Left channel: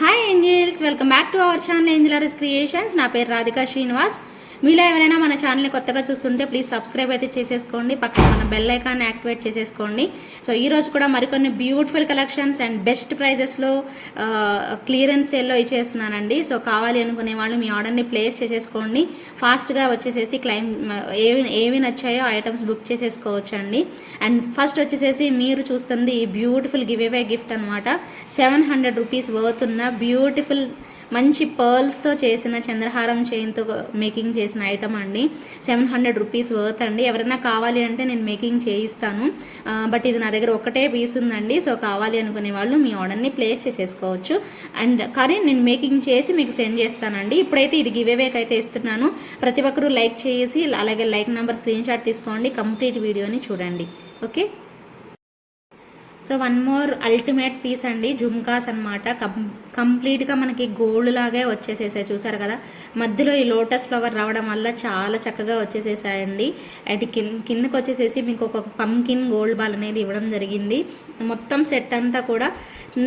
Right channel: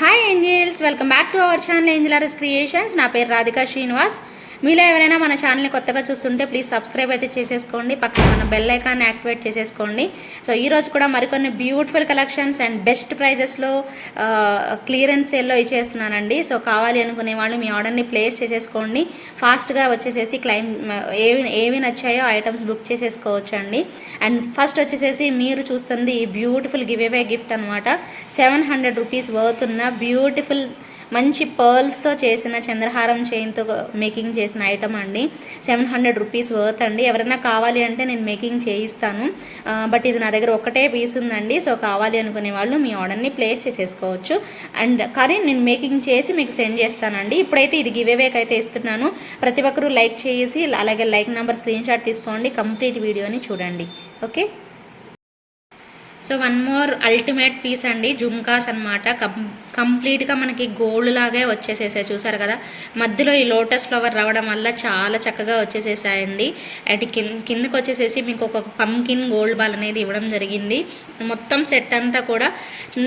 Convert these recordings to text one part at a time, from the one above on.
Hi angels welcome back to our channel Angelers Creations నా పేరు రాధికా శ్రీనివాస్. మీలో ఎవరైనా మన ఛానల్ని కొత్తగా చూస్తుంటే ప్లీజ్ సబ్స్క్రైబ్ అయితే చేసేసుకోండి. పక్కన మన బెల్ ఐకాన్ యాక్టివేట్ చేసేసుకోండి. సో ఈ రోజు కూడా మరికొన్ని బ్యూటిఫుల్ కలెక్షన్స్ అండ్ బెస్ట్ ప్రైజెస్లో క్లియరెన్స్ సేల్లో ఇచ్చేస్తున్నానండి. సో కావాలి అనుకునే వాళ్ళు మీ ఆర్డర్ని ప్లేస్ చేసేసుకోండి. ఫాస్ట్గా వచ్చేసేసి క్లైమ్ ఏవి ఏవి నచ్చాయో ఐటమ్స్ బుక్ చేసేసుకోవచ్చు అండి అండ్ ఫస్ట్ వచ్చేసేసి మీరు చూస్తుంది ఈ బ్యూటిఫుల్ గివ్ అవే గిఫ్ట్ అనమాట సెవెన్ హండ్రెడ్ రూపీస్ వర్త్ ఉన్న బ్యూటిఫుల్ మంచి పర్ల్స్తో చేసిన చంద్రహారం చైన్తో మేకింగ్ చేసి చేసిన ఐటమ్ అండి. సెవెన్ హండ్రెడ్ రూపీస్ వర్త్ అండి. ఎవరైనా కావాలి అంటే నేను మేకింగ్ చేయిస్తాను. బట్ ఇది నా దగ్గర ఒకటే పీస్ ఉందండి. సో కావాలి అనుకునే వాళ్ళు మీ ఆర్డర్ని ప్లేస్ చేసేసుకోవచ్చు. అండ్ కానీ నేను మేకింగ్ చేసి మీకు సెండ్ చేస్తానండి. ఇప్పుడైతే ఇది గివేవేక్ అయితే ఇస్తున్నాను. ప్రతి ఒక్కరూ లైక్ చేసి అలాగే లైక్ నెంబర్ స్క్రీన్ షాట్ తీసుకోండి. కంప్లీట్ వీడియోని చూడండి. Okay so one more ultimate piece అండి జుమ్కాస్ అనమాట కం కంప్లీట్గా మనకి గోల్డ్ లాగే వచ్చేసేసాయి చూసారు కదా? మధ్యలో ఈ లోటస్ ఫ్లవర్ రావడం వల్ల చాలా చక్కగా వచ్చేసేసాయండి. అటు కింద కిందకు వచ్చేసేసి మీకు ఒక పంకిన్ గోల్డ్ బాల్ అనేది ఇవ్వడం జరిగింది. మొత్తం సెట్ అంతా కూడా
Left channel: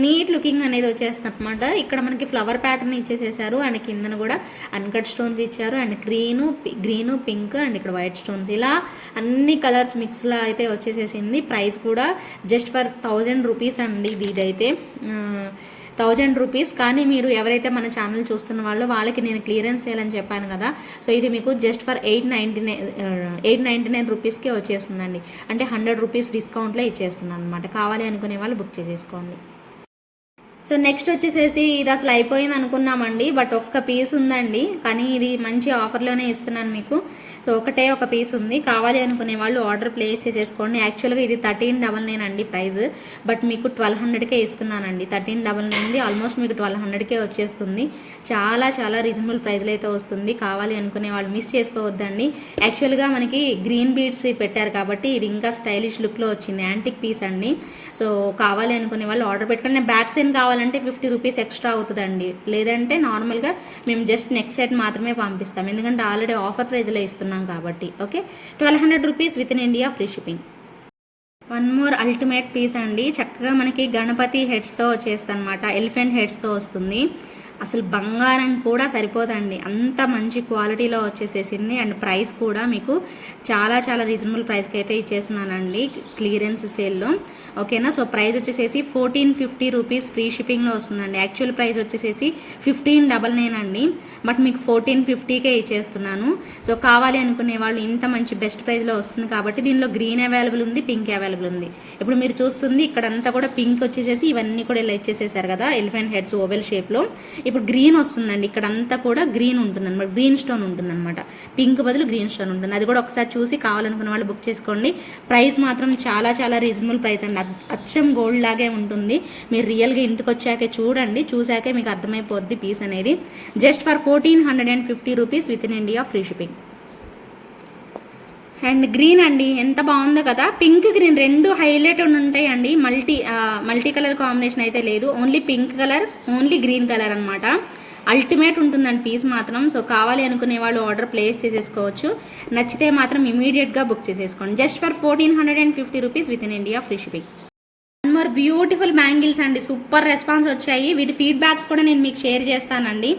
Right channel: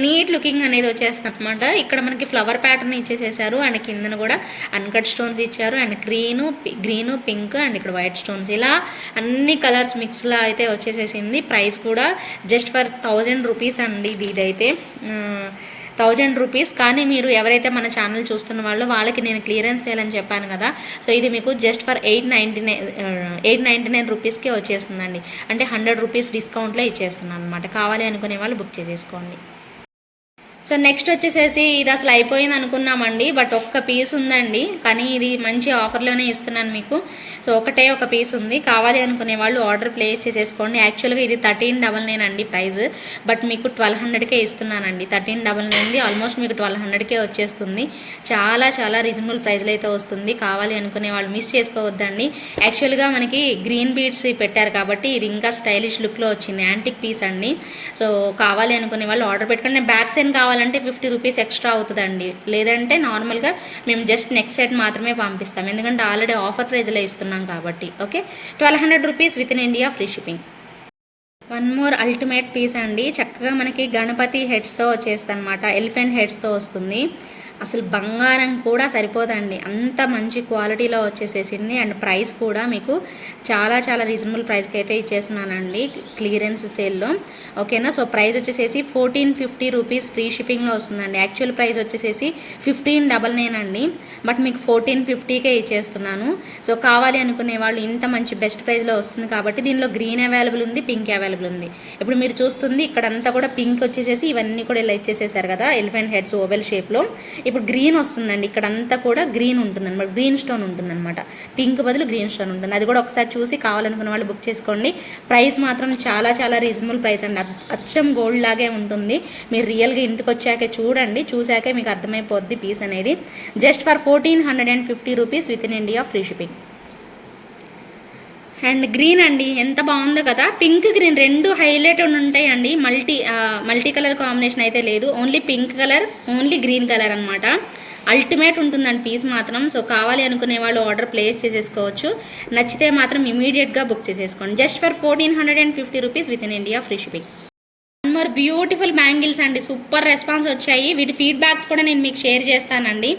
నీట్ లుకింగ్ అనేది వచ్చేస్తుంది అనమాట ఇక్కడ మనకి ఫ్లవర్ ప్యాటర్న్ ఇచ్చేసేసారు అండ్ కిందన కూడా అన్కట్ స్టోన్స్ ఇచ్చారు and green green pink and ఇక్కడ వైట్ స్టోన్స్. ఇలా అన్ని కలర్స్ మిక్స్లా అయితే వచ్చేసేసింది. ప్రైస్ కూడా జస్ట్ ఫర్ థౌజండ్ రూపీస్ అండి ఇది ఇదైతే థౌజండ్ రూపీస్. కానీ మీరు ఎవరైతే మన ఛానల్ చూస్తున్న వాళ్ళు వాళ్ళకి నేను క్లియరెన్స్ చేయాలని చెప్పాను కదా. సో ఇది మీకు just for eight ninety nine eight ninety nine రూపీస్కే వచ్చేస్తుందండి. అంటే హండ్రెడ్ రూపీస్ డిస్కౌంట్లో ఇచ్చేస్తున్నాను అనమాట కావాలి అనుకునే వాళ్ళు బుక్ చేసేసుకోండి. సో నెక్స్ట్ వచ్చేసేసి ఇది అసలు అయిపోయింది అనుకున్నామండి బట్ ఒక్క పీస్ ఉందండి. కానీ ఇది మంచి ఆఫర్లోనే ఇస్తున్నాను మీకు. సో ఒకటే ఒక పీస్ ఉంది. కావాలి అనుకునే వాళ్ళు ఆర్డర్ ప్లేస్ చేసేసుకోండి. యాక్చువల్గా ఇది థర్టీన్ డబల్ నైన్ అండి ప్రైస్ బట్ మీకు ట్వెల్వ్ హండ్రెడ్కే ఇస్తున్నానండి. థర్టీన్ డబల్ నైన్ది ఆల్మోస్ట్ మీకు ట్వెల్వ్ హండ్రెడ్కే వచ్చేస్తుంది. చాలా చాలా రీజనబుల్ ప్రైస్లో అయితే వస్తుంది. కావాలి అనుకునే వాళ్ళు మిస్ చేసుకోవద్దండి. యాక్చువల్గా మనకి గ్రీన్ బీడ్స్ పెట్టారు కాబట్టి ఇది ఇంకా స్టైలిష్ లుక్లో వచ్చింది. యాంటిక్ పీస్ అండి. సో కావాలి అనుకునే వాళ్ళు ఆర్డర్ పెట్టుకుని బ్యాక్ సైడ్ కావాలంటే ఫిఫ్టీ రూపీస్ ఎక్స్ట్రా అవుతుందండి. లేదంటే నార్మల్గా మేము జస్ట్ నెక్స్ట్ సెట్ మాత్రమే పంపిస్తాం. ఎందుకంటే ఆల్రెడీ ఆఫర్ ప్రైజ్లో ఇస్తున్నాం. కాబట్టి okay? Twelve hundred rupees within India free shipping. One more ultimate piece అండి. చక్కగా మనకి గణపతి హెడ్స్తో వచ్చేస్తుంది అనమాట ఎలిఫెంట్ హెడ్స్తో వస్తుంది. అసలు బంగారం కూడా సరిపోదండి. అంత మంచి క్వాలిటీలో వచ్చేసేసింది. అండ్ ప్రైస్ కూడా మీకు చాలా చాలా రీజనబుల్ ప్రైస్కి అయితే ఇచ్చేస్తున్నానండి క్లియరెన్స్ సేల్లో. ఓకేనా? సో ప్రైస్ వచ్చేసేసి ఫోర్టీన్ ఫిఫ్టీ రూపీస్ ఫ్రీ షిప్పింగ్లో వస్తుందండి. యాక్చువల్ ప్రైస్ వచ్చేసేసి ఫిఫ్టీన్ డబల్ నైన్ అండి. బట్ మీకు ఫోర్టీన్ ఫిఫ్టీకే ఇచ్చేస్తున్నాను. సో కావాలి అనుకునే వాళ్ళు ఇంత మంచి బెస్ట్ ప్రైస్లో వస్తుంది కాబట్టి దీనిలో గ్రీన్ అవైలబుల్ ఉంది పింక్ అవైలబుల్ ఉంది. ఇప్పుడు మీరు చూస్తుంది ఇక్కడ అంతా కూడా పింక్ వచ్చేసేసి ఇవన్నీ కూడా ఇలా ఇచ్చేసేసారు కదా ఎలిఫెంట్ హెడ్స్ ఓవెల్ షేప్లో. ఇప్పుడు గ్రీన్ వస్తుందండి. ఇక్కడ అంతా కూడా గ్రీన్ ఉంటుంది అనమాట గ్రీన్ స్టోన్ ఉంటుందన్నమాట. పింక్ బదులు గ్రీన్ స్టోన్ ఉంటుంది. అది కూడా ఒకసారి చూసి కావాలనుకున్న వాళ్ళు బుక్ చేసుకోండి. ప్రైస్ మాత్రం చాలా చాలా రీజనబుల్ ప్రైస్ అండి. అచ్చం గోల్డ్ లాగే ఉంటుంది. మీరు రియల్గా ఇంటికి వచ్చాకే చూడండి. చూసాకే మీకు అర్థమైపోద్ది పీస్ అనేది. Just for fourteen hundred and fifty rupees within India free shipping. And green అండి ఎంత బాగుందో కదా. పింక్ గ్రీన్ రెండు హైలైట్ ఉంటాయండి. మల్టీ మల్టీ కలర్ కాంబినేషన్ అయితే లేదు. Only pink colour only green colour అనమాట అల్టిమేట్ ఉంటుందండి పీస్ మాత్రం. సో కావాలి అనుకునే వాళ్ళు ఆర్డర్ ప్లేస్ చేసేసుకోవచ్చు. నచ్చితే మాత్రం ఇమీడియట్గా బుక్ చేసేసుకోండి. Just for fourteen hundred and fifty rupees within India free shipping. More beautiful bangles అండి. సూపర్ రెస్పాన్స్ వచ్చాయి. వీటి ఫీడ్బ్యాక్స్ కూడా నేను మీకు షేర్ చేస్తానండి.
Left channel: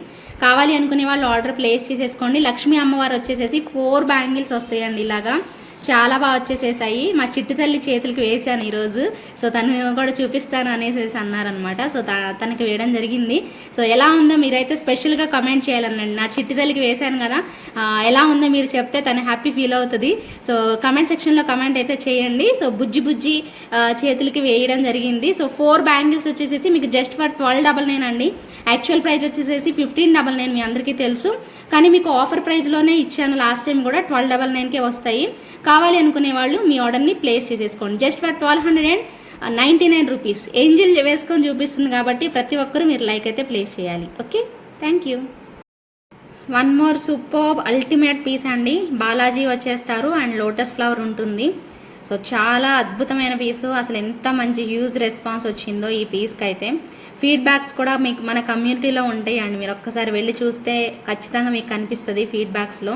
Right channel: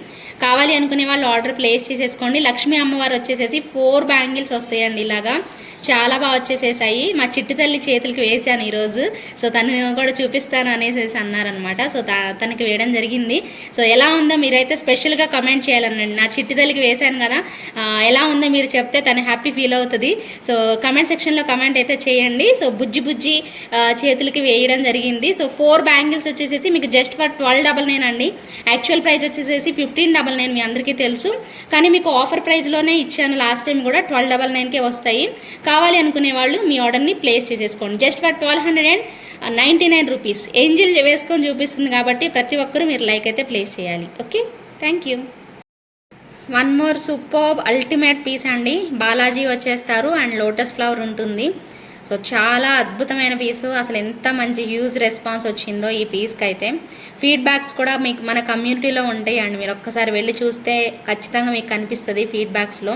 కావాలి అనుకునే వాళ్ళు ఆర్డర్ ప్లేస్ చేసేసుకోండి. లక్ష్మీ అమ్మవారు వచ్చేసేసి ఫోర్ బ్యాంగిల్స్ వస్తాయండి ఇలాగా. చాలా బాగా వచ్చేసేసాయి. మా చిట్టు తల్లి చేతులకి వేసాను ఈరోజు. సో తను కూడా చూపిస్తాను అనేసి అన్నారనమాట సో తనకి వేయడం జరిగింది. సో ఎలా ఉందో మీరైతే స్పెషల్గా కమెంట్ చేయాలనండి. నా చిట్టు తల్లికి వేశాను కదా. ఎలా ఉందో మీరు చెప్తే తను హ్యాపీ ఫీల్ అవుతుంది. సో కమెంట్ సెక్షన్లో కమెంట్ అయితే చేయండి. సో బుజ్జి బుజ్జి చేతులకి వేయడం జరిగింది. సో ఫోర్ బ్యాంగిల్స్ వచ్చేసేసి మీకు just for twelve double nine అండి. యాక్చువల్ ప్రైస్ వచ్చేసేసి ఫిఫ్టీన్ డబల్ నైన్ మీ అందరికీ తెలుసు. కానీ మీకు ఆఫర్ ప్రైస్లోనే ఇచ్చాను లాస్ట్ టైం కూడా ట్వెల్వ్ డబల్ నైన్కే వస్తాయి. కావాలి అనుకునే వాళ్ళు మీ ఆర్డర్ని ప్లేస్ చేసేసుకోండి. Just for twelve hundred and ninety nine rupees angel వేసుకొని చూపిస్తుంది కాబట్టి ప్రతి ఒక్కరూ మీరు లైక్ అయితే ప్లేస్ చేయాలి. Okay thank you one more super ultimate piece అండి. బాలాజీ వచ్చేస్తారు. అండ్ లోటస్ ఫ్లవర్ ఉంటుంది. సో చాలా అద్భుతమైన పీసు అసలు ఎంత మంచి హ్యూజ్ రెస్పాన్స్ వచ్చిందో ఈ పీస్కి అయితే. ఫీడ్బ్యాక్స్ కూడా మీకు మన కమ్యూనిటీలో ఉంటాయండి. మీరు ఒక్కసారి వెళ్ళి చూస్తే ఖచ్చితంగా మీకు కనిపిస్తుంది ఫీడ్బ్యాక్స్లో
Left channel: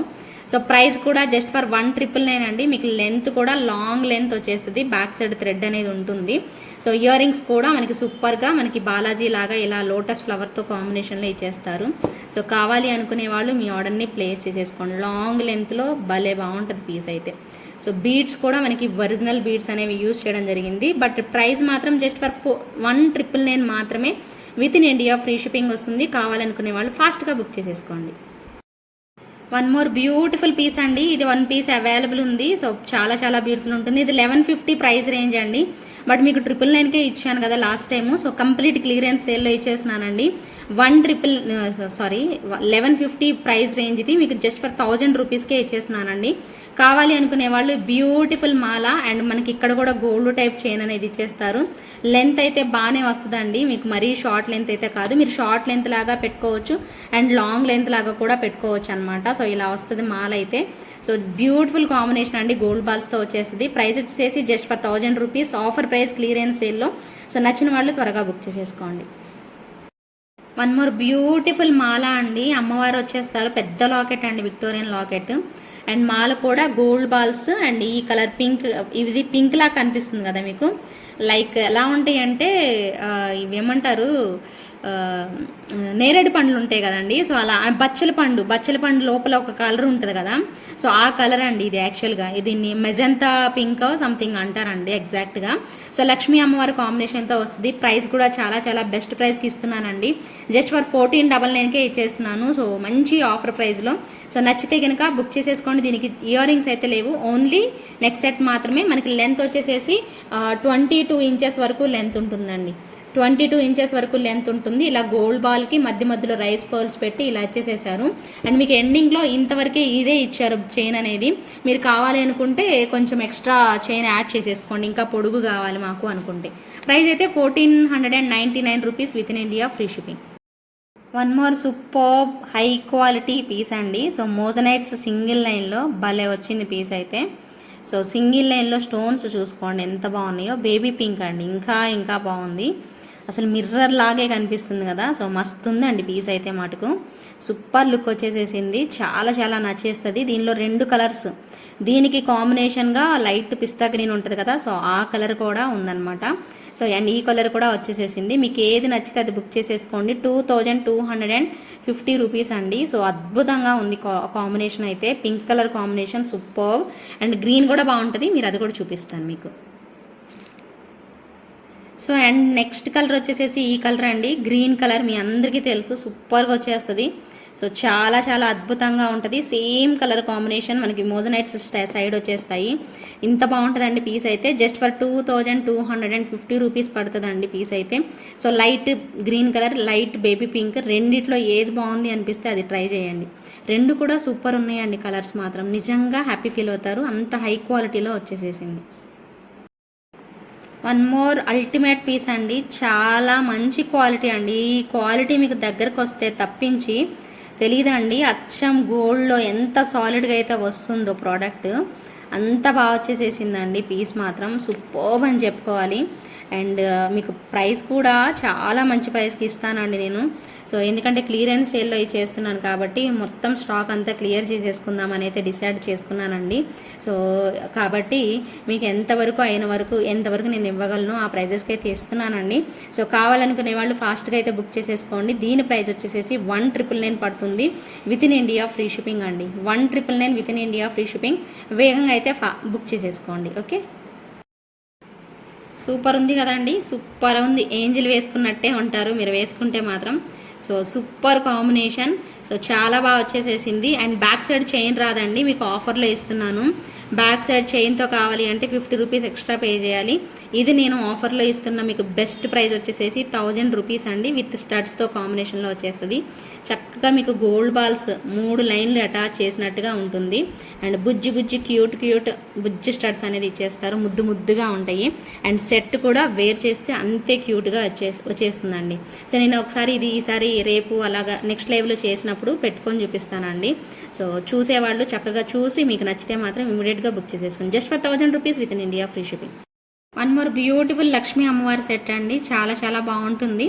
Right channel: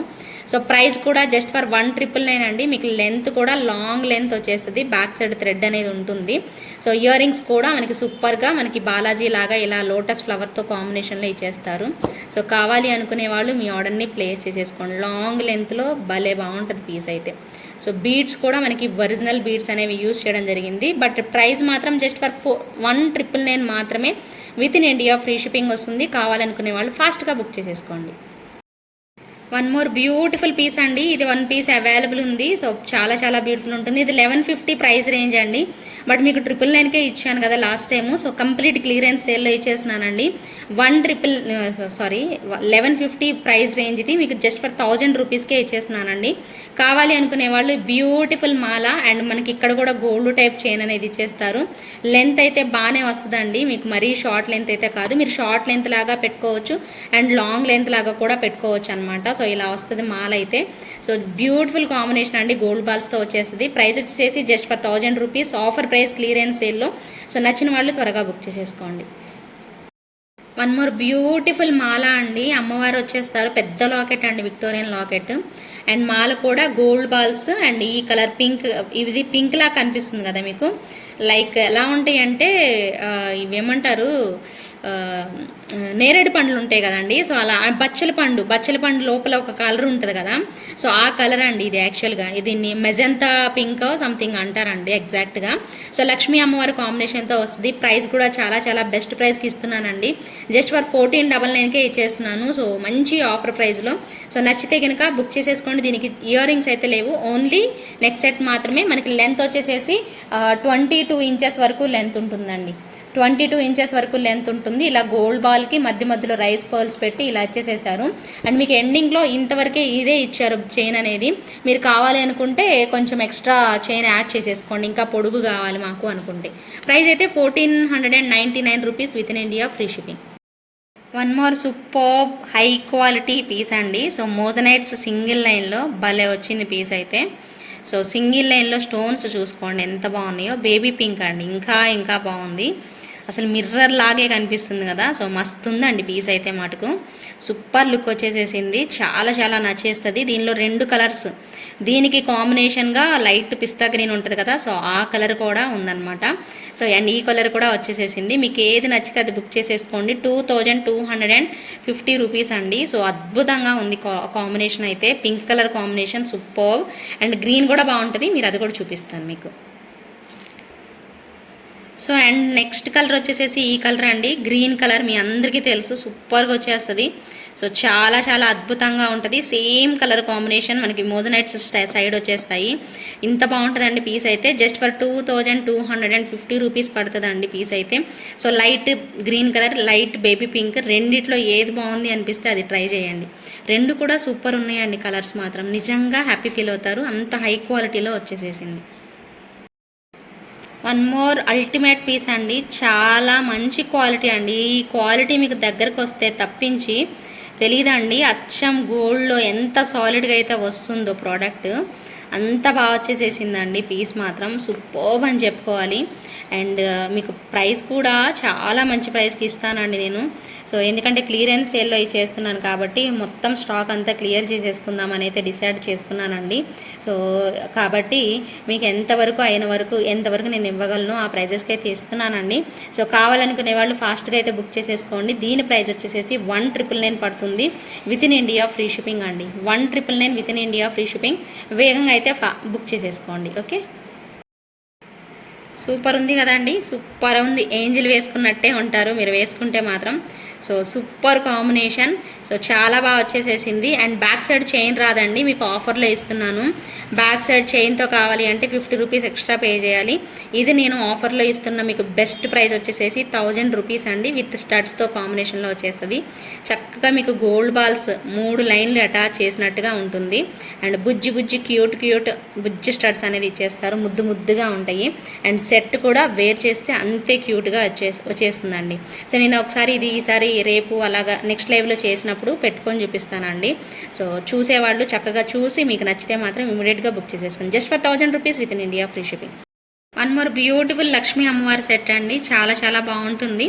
సో ప్రైస్ కూడా just for one triple nine అండి. మీకు లెంత్ కూడా లాంగ్ లెంత్ వచ్చేస్తుంది. బ్యాక్ సైడ్ థ్రెడ్ అనేది ఉంటుంది. సో ఇయర్ రింగ్స్ కూడా మనకి సూపర్గా మనకి బాలాజీ లాగా ఇలా లోటస్ ఫ్లవర్తో కాంబినేషన్లో ఇచ్చేస్తారు. సో కావాలి అనుకునే వాళ్ళు మీ ఆర్డర్ని ప్లేస్ చేసేసుకోండి. లాంగ్ లెంత్లో భలే బాగుంటుంది పీస్ అయితే. సో బీడ్స్ కూడా మనకి ఒరిజినల్ బీడ్స్ అనేవి యూజ్ చేయడం జరిగింది. బట్ ప్రైస్ మాత్రం just for four one triple nine మాత్రమే with in India free shipping వస్తుంది. కావాలనుకునే వాళ్ళు ఫాస్ట్గా బుక్ చేసేసుకోండి. వన్ మోర్ బ్యూటిఫుల్ పీస్ అండి. ఇది వన్ పీస్ అవైలబుల్ ఉంది. సో చాలా చాలా బ్యూటిఫుల్ ఉంటుంది. ఇది లెవెన్ ఫిఫ్టీ ప్రైస్ రేంజ్ అండి. బట్ మీకు ట్రిపుల్ నైన్కే ఇచ్చాను కదా last time so complete clearance సేల్లో ఇచ్చేసినానండి one triple sorry eleven fifty price range ఇది. మీకు జస్ట్ ఫర్ థౌజండ్ రూపీస్కే ఇచ్చేసినానండి కావాలి అనుకునే వాళ్ళు బ్యూటిఫుల్ మాల అండ్ మనకి ఇక్కడ కూడా గోల్డ్ టైప్ చైన్ అనేది ఇచ్చేస్తారు లెంత్ అయితే బాగానే వస్తుందండి. మీకు మరీ షార్ట్ లెంత్ అయితే కాదు. మీరు షార్ట్ లెంత్ లాగా పెట్టుకోవచ్చు అండ్ లాంగ్ లెంత్ లాగా కూడా పెట్టుకోవచ్చు అనమాట సో ఇలా వస్తుంది మాల అయితే. సో బ్యూటిఫుల్ కాంబినేషన్ అండి. గోల్డ్ బాల్స్తో వచ్చేస్తుంది. ప్రైస్ వచ్చేసి just for thousand rupees. Offer price clearance సేల్లో. సో నచ్చిన వాళ్ళు త్వరగా బుక్ చేసేసుకోండి. వన్ మోర్ బ్యూటిఫుల్ మాల అండి. అమ్మవారు వచ్చేస్తారు. పెద్ద లాకెట్ అండి విక్టోరియన్ లాకెట్ అండ్ మాల కూడా గోల్డ్ బాల్స్ అండ్ ఈ కలర్ పింక్ ఇది పింక్ లా కనిపిస్తుంది కదా మీకు? లైక్ ఎలా ఉంటాయి అంటే ఇవి ఇవేమంటారు? నేరేడు పండ్లు ఉంటాయి కదండి. సో అలా బచ్చల పండు బచ్చల పండు లోపల ఒక కలర్ ఉంటుంది కదా. సో ఆ కలర్ అండి ఇది యాక్చువల్గా దీన్ని మెజంతా పింక్ సంథింగ్ అంటారండి ఎగ్జాక్ట్గా సో లక్ష్మీ అమ్మవారి కాంబినేషన్తో వస్తుంది. ప్రైస్ కూడా చాలా చాలా బెస్ట్ ప్రైస్కి ఇస్తున్నానండి. జస్ట్ ఫర్ ఫోర్టీన్ డబల్ నైన్కే ఇచ్చేస్తున్నాను. సో మంచి ఆఫర్ ప్రైస్లో సో నచ్చితే కనుక బుక్ చేసేసుకోండి. దీనికి ఇయర్ రింగ్స్ అయితే లేవు. ఓన్లీ నెక్స్ట్ సెట్ మాత్రమే. మనకి లెంత్ వచ్చేసేసి ట్వంటీ టూ ఇంచెస్ వరకు లెంత్ ఉంటుందండి. ట్వంటీ టూ ఇంచెస్ వరకు లెంత్ ఉంటుంది. ఇలా గోల్డ్ బాల్కి మధ్య మధ్యలో రైస్ పర్ల్స్ పెట్టి ఇలా ఇచ్చేసేసారు. అండ్ మీకు ఎండింగ్లో ఇంతవరకే ఇదే ఇచ్చారు చైన్ అనేది. మీరు కావాలి అనుకుంటే కొంచెం ఎక్స్ట్రా చైన్ యాడ్ చేసేసుకోండి. ఇంకా పొడుగు కావాలి మాకు అనుకుంటే. ప్రైస్ అయితే fourteen hundred and ninety nine rupees within India free shipping one more super high quality piece అండి సో మోజనైట్స్ సింగిల్ లైన్లో భలే వచ్చింది పీస్ అయితే. సో సింగిల్ లైన్లో స్టోన్స్ చూసుకోండి. ఎంత బాగున్నాయో. బేబీ పింక్ అండి. ఇంకా ఇంకా బాగుంది. అసలు మిర్రర్ లాగే కనిపిస్తుంది కదా. సో మస్తు ఉందండి పీస్ అయితే మటుకు. సూపర్ లుక్ వచ్చేసేసింది. చాలా చాలా నచ్చేస్తుంది. దీనిలో రెండు కలర్స్ దీనికి కాంబినేషన్గా లైట్ పిస్తా గ్రీన్ ఉంటుంది కదా. సో ఆ కలర్ కూడా ఉందన్నమాట. సో అండ్ ఈ కలర్ కూడా వచ్చేసేసింది. మీకు ఏది నచ్చితే అది బుక్ చేసేసుకోండి. Two thousand two hundred and fifty rupees అండి. సో అద్భుతంగా ఉంది కాంబినేషన్ అయితే. Pink colour combination super and green కూడా బాగుంటుంది. మీరు అది కూడా చూపిస్తాను మీకు. సో అండ్ నెక్స్ట్ కలర్ వచ్చేసేసి ఈ కలర్ అండి. గ్రీన్ కలర్ మీ అందరికీ తెలుసు. సూపర్గా వచ్చేస్తుంది. సో చాలా చాలా అద్భుతంగా ఉంటుంది. సేమ్ కలర్ కాంబినేషన్ మనకి మోజనైట్స్ సైడ్ వచ్చేస్తాయి. ఇంత బాగుంటుందండి పీస్ అయితే. Just for two thousand two hundred and fifty rupees పడుతుందండి పీస్ అయితే. So light green colour light baby pink రెండిట్లో ఏది బాగుంది అనిపిస్తే అది ట్రై చేయండి. రెండు కూడా సూపర్ ఉన్నాయండి కలర్స్ మాత్రం. నిజంగా హ్యాపీ ఫీల్ అవుతారు. అంత హై క్వాలిటీలో వచ్చేసేసింది. వన్ మోర్ అల్టిమేట్ పీస్ అండి. చాలా మంచి క్వాలిటీ అండి. ఈ క్వాలిటీ మీకు దగ్గరకు వస్తే తప్పించి తెలియదండి అచ్చం గోల్డ్లో ఎంత సాలిడ్గా అయితే వస్తుందో ప్రోడక్ట్ అంత బాగా వచ్చేసేసిందండి పీస్ మాత్రం. సూపర్బ్ అని చెప్పుకోవాలి. అండ్ మీకు ప్రైస్ కూడా చాలా మంచి ప్రైస్కి ఇస్తానండి నేను. సో ఎందుకంటే క్లియరెన్స్ సేల్లో అవి చేస్తున్నాను కాబట్టి మొత్తం స్టాక్ అంతా క్లియర్ చేసేసుకుందాం అని అయితే డిసైడ్ చేసుకున్నానండి. సో కాబట్టి మీకు ఎంతవరకు అయిన వరకు ఎంతవరకు నేను ఇవ్వగలను ఆ ప్రైజెస్కి అయితే ఇస్తున్నానండి. సో కావాలనుకునే వాళ్ళు ఫాస్ట్గా అయితే బుక్ చేసేసుకోండి. దీని ప్రైస్ వచ్చేసేసి వన్ ట్రిపుల్ నైన్ పడుతుంది with in India free shipping అండి. One triple nine within India free shipping వేగంగా అయితే ఫా బుక్ చేసేసుకోండి. ఓకే? సూపర్ ఉంది కదండి. సూపర్ ఉంది. ఏంజిల్ వేసుకున్నట్టే ఉంటారు. మీరు వేసుకుంటే మాత్రం సో సూపర్ కాంబినేషన్. సో చాలా బాగా వచ్చేసేసింది. అండ్ బ్యాక్ సైడ్ చైన్ రాదండి మీకు ఆఫర్లో ఇస్తున్నాను. బ్యాక్ సైడ్ చైన్తో కావాలి అంటే ఫిఫ్టీ రూపీస్ ఎక్స్ట్రా పే చేయాలి. ఇది నేను ఆఫర్లో ఇస్తున్న మీకు బెస్ట్ ప్రైస్ వచ్చేసేసి థౌజండ్ రూపీస్ అండి విత్ స్టడ్స్తో కాంబినేషన్లో వచ్చేస్తుంది. చక్కగా మీకు గోల్డ్ బాల్స్ మూడు లైన్లు అటాచ్ చేసినట్టుగా ఉంటుంది. అండ్ బుజ్జి బుజ్జి క్యూట్ క్యూట్ బుజ్జి స్టడ్స్ అనేది ఇచ్చేస్తారు. ముద్దు ముద్దుగా ఉంటాయి. అండ్ సెట్ కూడా వేర్ చేస్తే అంతే క్యూట్గా వచ్చే వచ్చేస్తుందండి. సో నేను ఒకసారి ఇది ఈసారి రేపు అలాగా నెక్స్ట్ లైవ్లో చేసినప్పుడు పెట్టుకొని చూపిస్తానండి. సో చూసేవాళ్ళు చక్కగా చూసి మీకు నచ్చితే మాత్రం ఇమీడియట్గా బుక్ చేసేసుకోండి. Just for thousand rupees within India free shipping. One more beautiful Lakshmi అమ్మవారి సెట్ అండి. చాలా చాలా బాగుంటుంది.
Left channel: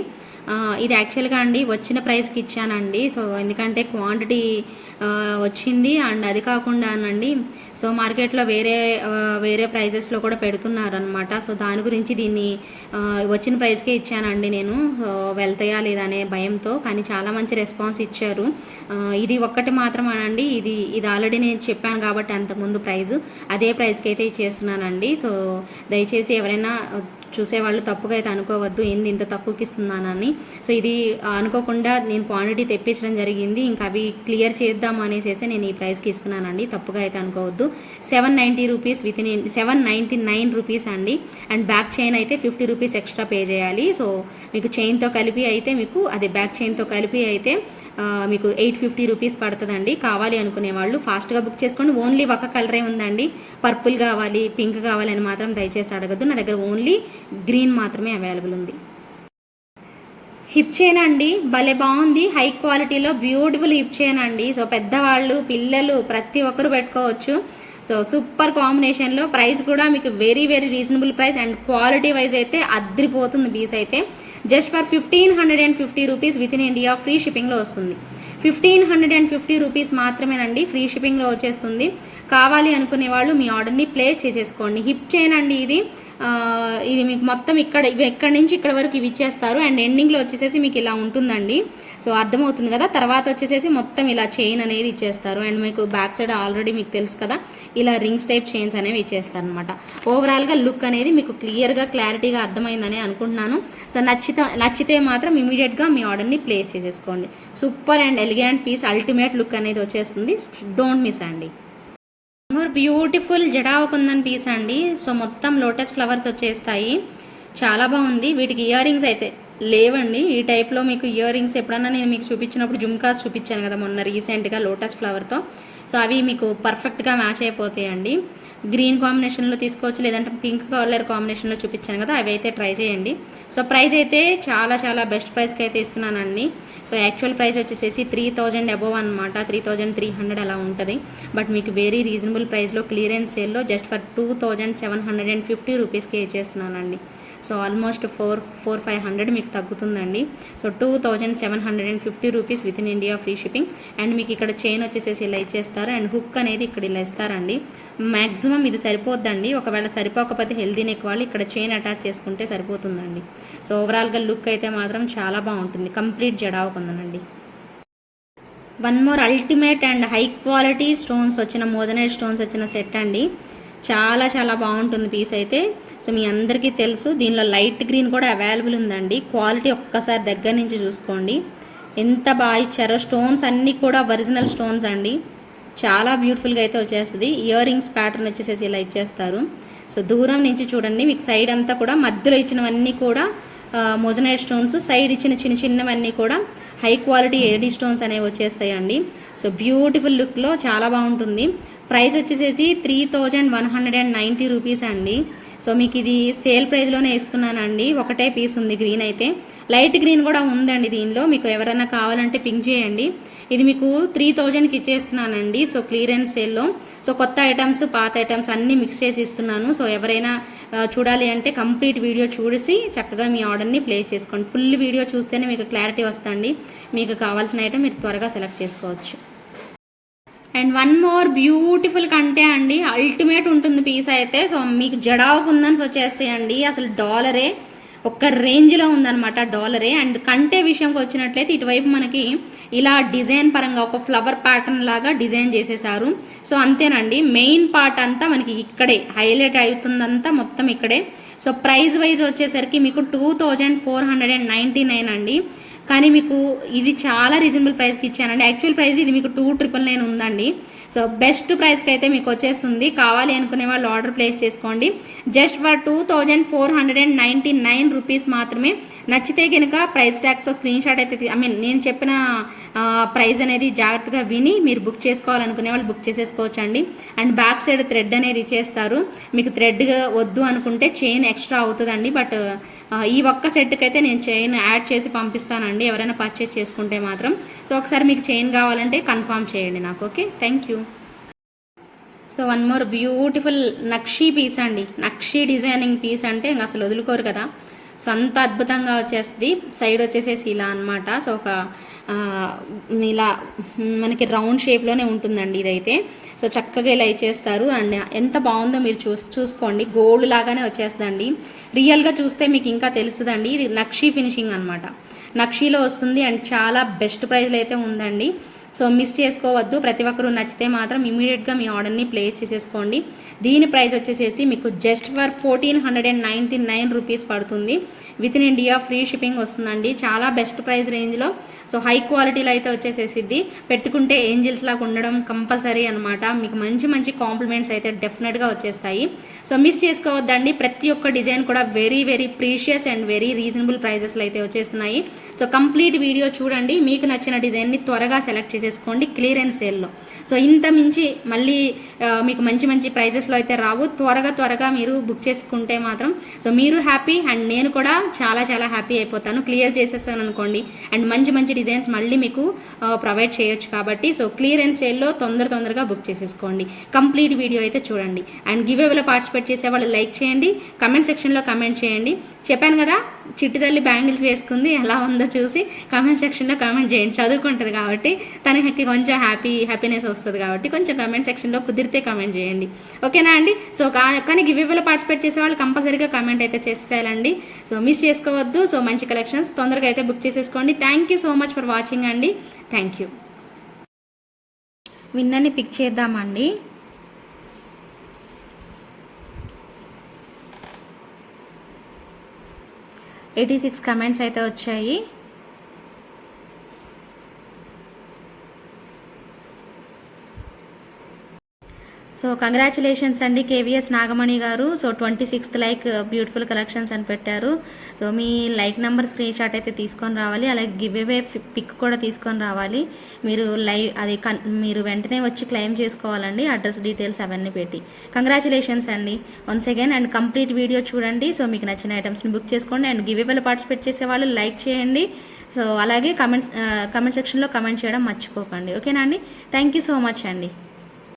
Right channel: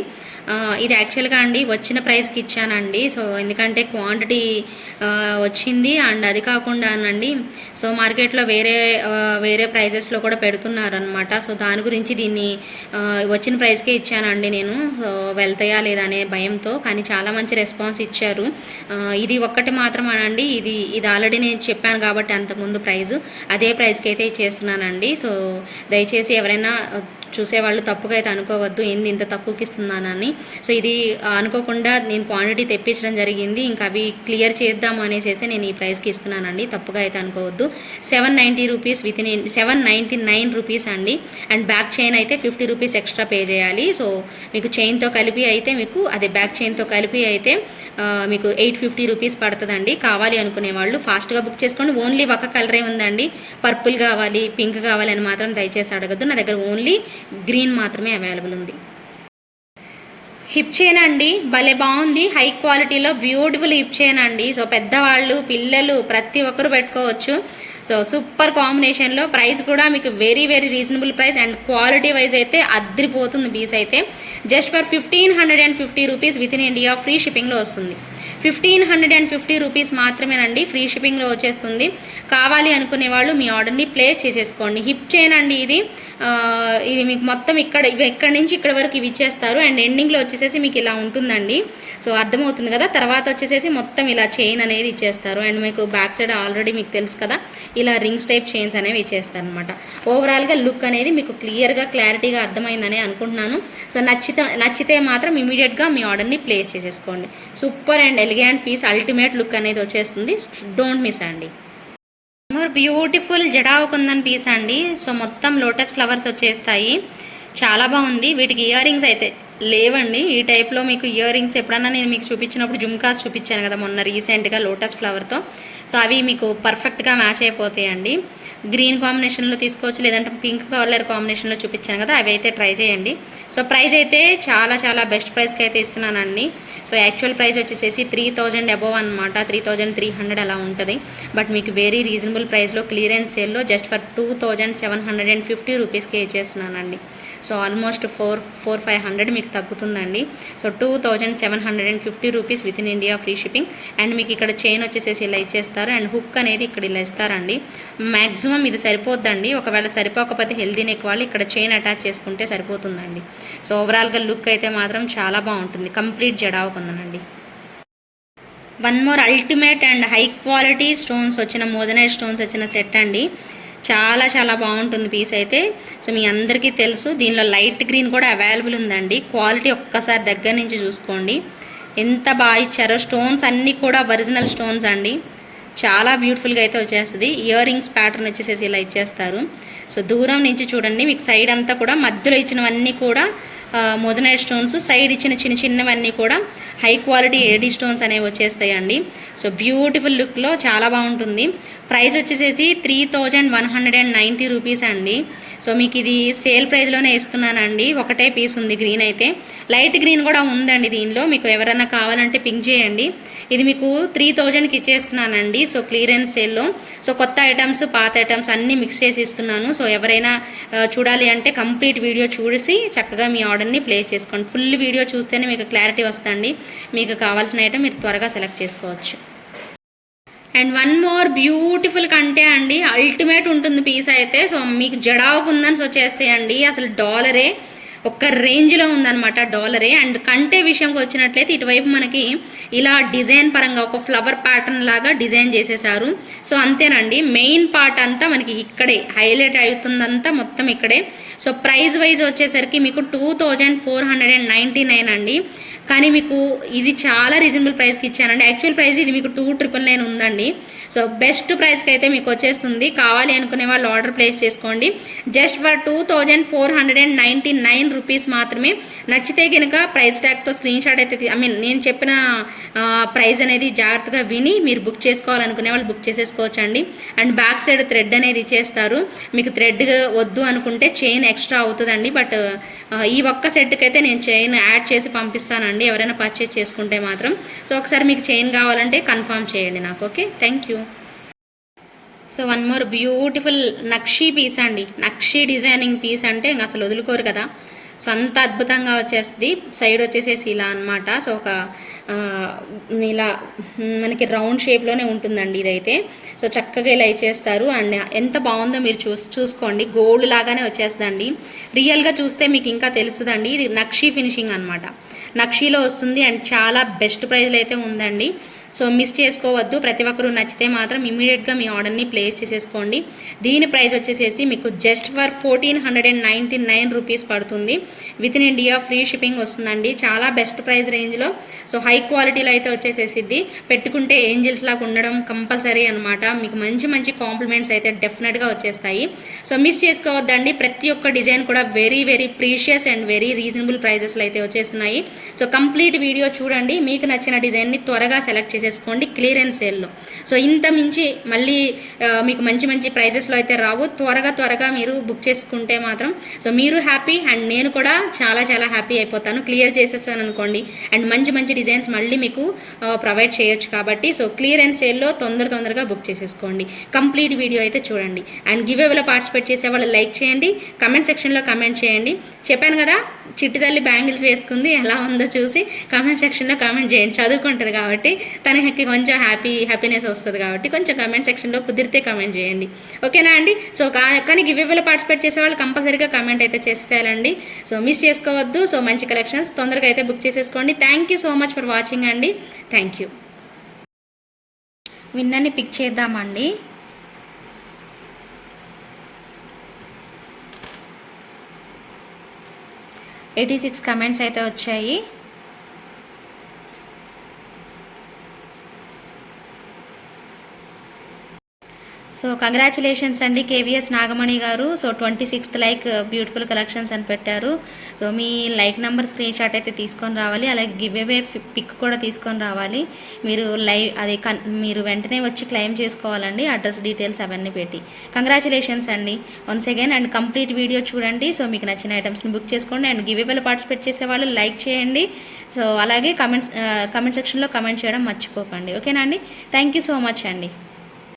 ఇది యాక్చువల్గా అండి వచ్చిన ప్రైస్కి ఇచ్చానండి. సో ఎందుకంటే క్వాంటిటీ వచ్చింది. అండ్ అది కాకుండా అండి సో మార్కెట్లో వేరే వేరే ప్రైజెస్లో కూడా పెడుతున్నారు అనమాట సో దాని గురించి దీన్ని వచ్చిన ప్రైస్కే ఇచ్చానండి నేను. సో వెళ్తాయా లేదా అనే భయంతో కానీ చాలా మంచి రెస్పాన్స్ ఇచ్చారు. ఇది ఒక్కటి మాత్రం అనండి ఇది ఇది ఆల్రెడీ నేను చెప్పాను కాబట్టి అంతకుముందు ప్రైజు అదే ప్రైస్కి అయితే ఇచ్చేస్తున్నానండి సో దయచేసి ఎవరైనా చూసేవాళ్ళు తప్పుగా అయితే అనుకోవద్దు ఏంది ఇంత తక్కువకి ఇస్తున్నానని సో ఇది అనుకోకుండా నేను క్వాంటిటీ తెప్పించడం జరిగింది ఇంకా అవి క్లియర్ చేద్దాం అనేసి నేను ఈ ప్రైస్కి ఇస్తున్నానండి తప్పుగా అయితే అనుకోవద్దు. Seven ninety rupees with in seven ninety nine rupees అండి. అండ్ బ్యాక్ చైన్ అయితే ఫిఫ్టీ రూపీస్ ఎక్స్ట్రా పే చేయాలి. సో మీకు చైన్తో కలిపి అయితే మీకు అదే బ్యాక్ చైన్తో కలిపి అయితే మీకు ఎయిట్ ఫిఫ్టీ రూపీస్ పడుతుందండి. కావాలి అనుకునే వాళ్ళు ఫాస్ట్గా బుక్ చేసుకోండి. ఓన్లీ ఒక కలరే ఉందండి. పర్పుల్ కావాలి పింక్ కావాలి అని మాత్రం దయచేసి అడగద్దు. నా దగ్గర ఓన్లీ గ్రీన్ మాత్రమే అవైలబుల్ ఉంది. హిప్ చైన్ అండి భలే బాగుంది. హై క్వాలిటీలో బ్యూటిఫుల్ హిప్ చైన్ అండి. సో పెద్దవాళ్ళు పిల్లలు ప్రతి ఒక్కరు పెట్టుకోవచ్చు. సో సూపర్ కాంబినేషన్లో ప్రైస్ కూడా మీకు very very reasonable price. And quality wise అయితే అద్రిపోతుంది పీస్ అయితే. Just for fifteen hundred and fifty rupees within India free షిప్పింగ్లో వస్తుంది. Fifteen hundred and fifty rupees మాత్రమేనండి ఫ్రీ షిప్పింగ్లో వచ్చేస్తుంది. కావాలి అనుకునే వాళ్ళు మీ ఆర్డర్ని ప్లేస్ చేసేసుకోండి. హిప్ చైన్ అండి ఇది ఇది మీకు మొత్తం ఇక్కడ ఇక్కడ నుంచి ఇక్కడ వరకు ఇవి ఇచ్చేస్తారు. అండ్ ఎండింగ్లో వచ్చేసేసి మీకు ఇలా ఉంటుందండి. సో అర్థమవుతుంది కదా? తర్వాత వచ్చేసేసి మొత్తం ఇలా చైన్ అనేది ఇచ్చేస్తారు. అండ్ మీకు బ్యాక్ సైడ్ ఆల్రెడీ మీకు తెలుసు కదా? ఇలా రింగ్స్ టైప్ చైన్స్ అనేవి ఇచ్చేస్తారు అనమాట ఓవరాల్గా లుక్ అనేది మీకు క్లియర్గా క్లారిటీగా అర్థమైందని అనుకుంటున్నాను. సో నచ్చితే నచ్చితే మాత్రం ఇమీడియట్గా మీ ఆర్డర్ని ప్లేస్ చేసేసుకోండి. Super and elegant piece ultimate look అనేది వచ్చేస్తుంది. డోంట్ మిస్ అండి. బ్యూటిఫుల్ జడావు కుందన్ పీస్ అండి. సో మొత్తం లోటస్ ఫ్లవర్స్ వచ్చేస్తాయి. చాలా బాగుంది. వీటికి ఇయర్ రింగ్స్ అయితే లేవండి. ఈ టైప్లో మీకు ఇయర్ రింగ్స్ ఎప్పుడన్నా నేను మీకు చూపించినప్పుడు జుమ్కాస్ చూపించాను కదా మొన్న రీసెంట్గా లోటస్ ఫ్లవర్తో. సో అవి మీకు పర్ఫెక్ట్గా మ్యాచ్ అయిపోతాయండి. గ్రీన్ కాంబినేషన్లో తీసుకోవచ్చు లేదంటే పింక్ కలర్ కాంబినేషన్లో చూపించాను కదా అవి అయితే ట్రై చేయండి. సో ప్రైస్ అయితే చాలా చాలా బెస్ట్ ప్రైస్కి అయితే ఇస్తున్నానండి. సో యాక్చువల్ ప్రైస్ వచ్చేసేసి త్రీ థౌజండ్ అబోవ్ అనమాట త్రీ థౌజండ్ త్రీ హండ్రెడ్ అలా ఉంటుంది. బట్ మీకు వెరీ రీజనబుల్ ప్రైస్లో క్లియరెన్స్ సేల్లో just for two thousand seven hundred and fifty రూపీస్కి ఇచ్చేస్తున్నానండి. So almost four four five hundred మీకు తగ్గుతుందండి. So two thousand seven hundred and fifty rupees within India free shipping. And మీకు ఇక్కడ chain వచ్చేసేసి ఇలా ఇచ్చేస్తారు. And hook అనేది ఇక్కడ ఇలా ఇస్తారండి. మ్యాక్సిమం ఇది సరిపోద్దండి. ఒకవేళ సరిపోకపోతే హెల్దీ నెక్ వాళ్ళు ఇక్కడ చైన్ అటాచ్ చేసుకుంటే సరిపోతుందండి. సో ఓవరాల్గా లుక్ అయితే మాత్రం చాలా బాగుంటుంది. Complete జడావుకుందనండి one more ultimate and high quality stones వచ్చిన మోదనైట్ స్టోన్స్ వచ్చిన సెట్ అండి. చాలా చాలా బాగుంటుంది పీస్ అయితే. సో మీ అందరికీ తెలుసు దీనిలో లైట్ గ్రీన్ కూడా అవైలబుల్ ఉందండి. క్వాలిటీ ఒక్కసారి దగ్గర నుంచి చూసుకోండి. ఎంత బాగా ఇచ్చారో స్టోన్స్ అన్నీ కూడా ఒరిజినల్ స్టోన్స్ అండి. చాలా బ్యూటిఫుల్గా అయితే వచ్చేస్తుంది. ఇయర్ రింగ్స్ ప్యాటర్న్ వచ్చేసేసి ఇలా ఇచ్చేస్తారు. సో దూరం నుంచి చూడండి మీకు సైడ్ అంతా కూడా మధ్యలో ఇచ్చినవన్నీ కూడా మోజనైడ్ స్టోన్స్ సైడ్ ఇచ్చిన చిన్న చిన్నవన్నీ కూడా హై క్వాలిటీ ఏడీ స్టోన్స్ అనేవి వచ్చేస్తాయండి. సో బ్యూటిఫుల్ లుక్లో చాలా బాగుంటుంది. ప్రైస్ వచ్చేసేసి three thousand one hundred and ninety rupees అండి. సో మీకు ఇది సేల్ ప్రైస్లోనే ఇస్తున్నానండి. ఒకటే పీస్ ఉంది గ్రీన్ అయితే. లైట్ గ్రీన్ కూడా ఉందండి దీనిలో. మీకు ఎవరైనా కావాలంటే పింక్ చేయండి. ఇది మీకు త్రీ థౌజండ్కి ఇచ్చేస్తున్నానండి. సో క్లియరెన్స్ సేల్లో. సో కొత్త ఐటమ్స్ పాత ఐటమ్స్ అన్నీ మిక్స్ చేసి ఇస్తున్నాను. సో ఎవరైనా చూడాలి అంటే కంప్లీట్ వీడియో చూసి చక్కగా మీ ఆర్డర్ని ప్లేస్ చేసుకోండి. ఫుల్ వీడియో చూస్తేనే మీకు క్లారిటీ వస్తుంది. మీకు కావాల్సిన ఐటమ్ మీరు త్వరగా సెలెక్ట్ చేసుకోవచ్చు. అండ్ వన్ మోర్ బ్యూటిఫుల్ కంటే అండి అల్టిమేట్ ఉంటుంది పీస్ అయితే. సో మీకు జడావుకుందని వచ్చేసేయండి అసలు డాలరే ఒక్క రేంజ్లో ఉందన్నమాట డాలరే. అండ్ కంటే విషయంకి వచ్చినట్లయితే ఇటువైపు మనకి ఇలా డిజైన్ పరంగా ఒక ఫ్లవర్ ప్యాటర్న్ లాగా డిజైన్ చేసేసారు. సో అంతేనండి మెయిన్ పార్ట్ అంతా మనకి ఇక్కడే హైలైట్ అవుతుందంతా మొత్తం ఇక్కడే. సో ప్రైస్ వైజ్ వచ్చేసరికి మీకు two thousand four hundred and ninety nine అండి. కానీ మీకు ఇది చాలా రీజనబుల్ ప్రైస్కి ఇచ్చానండి. యాక్చువల్ ప్రైస్ ఇది మీకు టూ ట్రిపుల్ నైన్ ఉందండి. సో బెస్ట్ ప్రైస్కి అయితే మీకు వచ్చేస్తుంది. కావాలి అనుకునే వాళ్ళు ఆర్డర్ ప్లేస్ చేసుకోండి. Just for two thousand four hundred and ninety nine rupees మాత్రమే. నచ్చితే కనుక ప్రైస్ ట్యాగ్తో స్క్రీన్ షాట్ అయితే ఐ మీన్ నేను చెప్పిన ప్రైస్ అనేది జాగ్రత్తగా విని మీరు బుక్ చేసుకోవాలనుకునే వాళ్ళు బుక్ చేసేసుకోవచ్చండి. అండ్ బ్యాక్ సైడ్ థ్రెడ్ అనేది ఇచ్చేస్తారు. మీకు థ్రెడ్ వద్దు అనుకుంటే చైన్ ఎక్స్ట్రా అవుతుందండి. బట్ ఈ ఒక్క సెట్కి అయితే నేను చైన్ యాడ్ చేసి పంపిస్తానండి. చేసుకోండి ఎవరైనా పర్చేస్ చేసుకుంటే మాత్రం. సో ఒకసారి మీకు చైన్ కావాలంటే కన్ఫర్మ్ చేయండి నాకు okay thank you so one more beautiful nakshi piece అండి. నక్షీ డిజైనింగ్ పీస్ అంటే ఇంకా అసలు వదులుకోరు కదా. సో అంత అద్భుతంగా వచ్చేస్తుంది. సైడ్ వచ్చేసేసి ఇలా అనమాట సో ఒక ఇలా మనకి రౌండ్ షేప్లోనే ఉంటుందండి ఇదైతే. సో చక్కగా ఇలా ఇచ్చేస్తారు. అండ్ ఎంత బాగుందో మీరు చూస్ చూసుకోండి. గోల్డ్ లాగానే వచ్చేస్తుందండి. రియల్గా చూస్తే మీకు ఇంకా తెలుస్తుందండి. ఇది నక్షీ ఫినిషింగ్ అనమాట నక్షీలో వస్తుంది అండ్ చాలా బెస్ట్ ప్రైజ్లో అయితే ఉందండి. సో మిస్ చేసుకోవద్దు. ప్రతి ఒక్కరూ నచ్చితే మాత్రం ఇమీడియట్గా మీ ఆర్డర్ని ప్లేస్ చేసేసుకోండి. దీని ప్రైస్ వచ్చేసేసి మీకు just for fourteen hundred and ninety nine rupees పడుతుంది. With in India free shipping వస్తుందండి. చాలా బెస్ట్ ప్రైస్ రేంజ్లో. సో హై క్వాలిటీలో అయితే వచ్చేసేసిద్ది. పెట్టుకుంటే ఏంజిల్స్ లాగా ఉండడం కంపల్సరీ అనమాట మీకు మంచి మంచి కాంప్లిమెంట్స్ అయితే డెఫినెట్గా వచ్చేస్తాయి. సో మిస్ చేసుకోవద్దండి. ప్రతి ఒక్క డిజైన్ కూడా very very precious and very reasonable ప్రైజెస్లో అయితే వచ్చేస్తున్నాయి. సో కంప్లీట్ వీడియో చూడండి. మీకు నచ్చిన డిజైన్ని త్వరగా సెలెక్ట్ చేసేసుకోండి క్లియరెన్స్ సేల్లో. సో ఇంత మించి మళ్ళీ మీకు మంచి మంచి ప్రైజెస్లో అయితే రావు. త్వరగా త్వరగా మీరు బుక్ చేసుకుంటే మాత్రం సో మీరు హ్యాపీ అండ్ నేను కూడా చాలా చాలా హ్యాపీ అయిపోతాను. క్లియర్ చేసేసాను అనుకోండి. అండ్ మంచి మంచి డిజైన్స్ మళ్ళీ మీకు ప్రొవైడ్ చేయొచ్చు కాబట్టి సో క్లియరెన్స్ సేల్లో తొందర తొందరగా బుక్ చేసేసుకోండి. కంప్లీట్ వీడియో అయితే చూడండి. అండ్ గివ్ అవేలో పార్టిసిపేట్ చేసే వాళ్ళు లైక్ చేయండి. కమెంట్ సెక్షన్లో కమెంట్ చేయండి. చెప్పాను కదా చిట్టి తల్లి బ్యాంగిల్స్ వేసుకుంది ఎలా ఉందో చూసి కమెంట్ సెక్షన్లో కమెంట్ చేయండి. చదువుకుంటుంది కాబట్టి తనకి కొంచెం హ్యాపీ హ్యాపీనెస్ వస్తుంది కాబట్టి కొంచెం కమెంట్ సెక్షన్లో కుదిరితే కమెంట్ చేయండి. ఓకేనా అండి? సో కా- కానీ గివ్ పార్టిసిపేట్ చేసే వాళ్ళు కంపల్సరీగా కమెంట్ అయితే చేసేయాలండి. సో మిస్ చేసుకోవద్దు. సో మంచి కలెక్షన్స్ తొందరగా అయితే బుక్ చేసేసుకోండి. Thank you so much for watching అండి. థ్యాంక్ యూ విన్నని పిక్ చేద్దామండి. ఎయిటీ సిక్స్ కమెంట్స్ అయితే వచ్చాయి. సో కంగ్రాచులేషన్స్ అండి కేవీఎస్ నాగమణి గారు. So twenty sixth like beautiful collections అని పెట్టారు. సో మీ లైక్ నెంబర్ స్క్రీన్ షాట్ అయితే తీసుకొని రావాలి. అలాగే గివ్ అవే పిక్ కూడా తీసుకొని రావాలి. మీరు లైవ్ అది కన్ మీరు వెంటనే వచ్చి క్లెయిమ్ చేసుకోవాలండి. అడ్రస్ డీటెయిల్స్ అవన్నీ పెట్టి. కంగ్రాచులేషన్స్ అండి. Once again and complete video చూడండి. సో మీకు నచ్చిన ఐటమ్స్ని బుక్ చేసుకోండి. అండ్ గివ్ అవేలో పార్టిసిపేట్ చేసే వాళ్ళు లైక్ చేయండి. సో అలాగే కమెంట్స్ కమెంట్ సెక్షన్లో కమెంట్ చేయడం మర్చిపోకండి. ఓకేనా అండి? థ్యాంక్ యూ సో మచ్ అండి.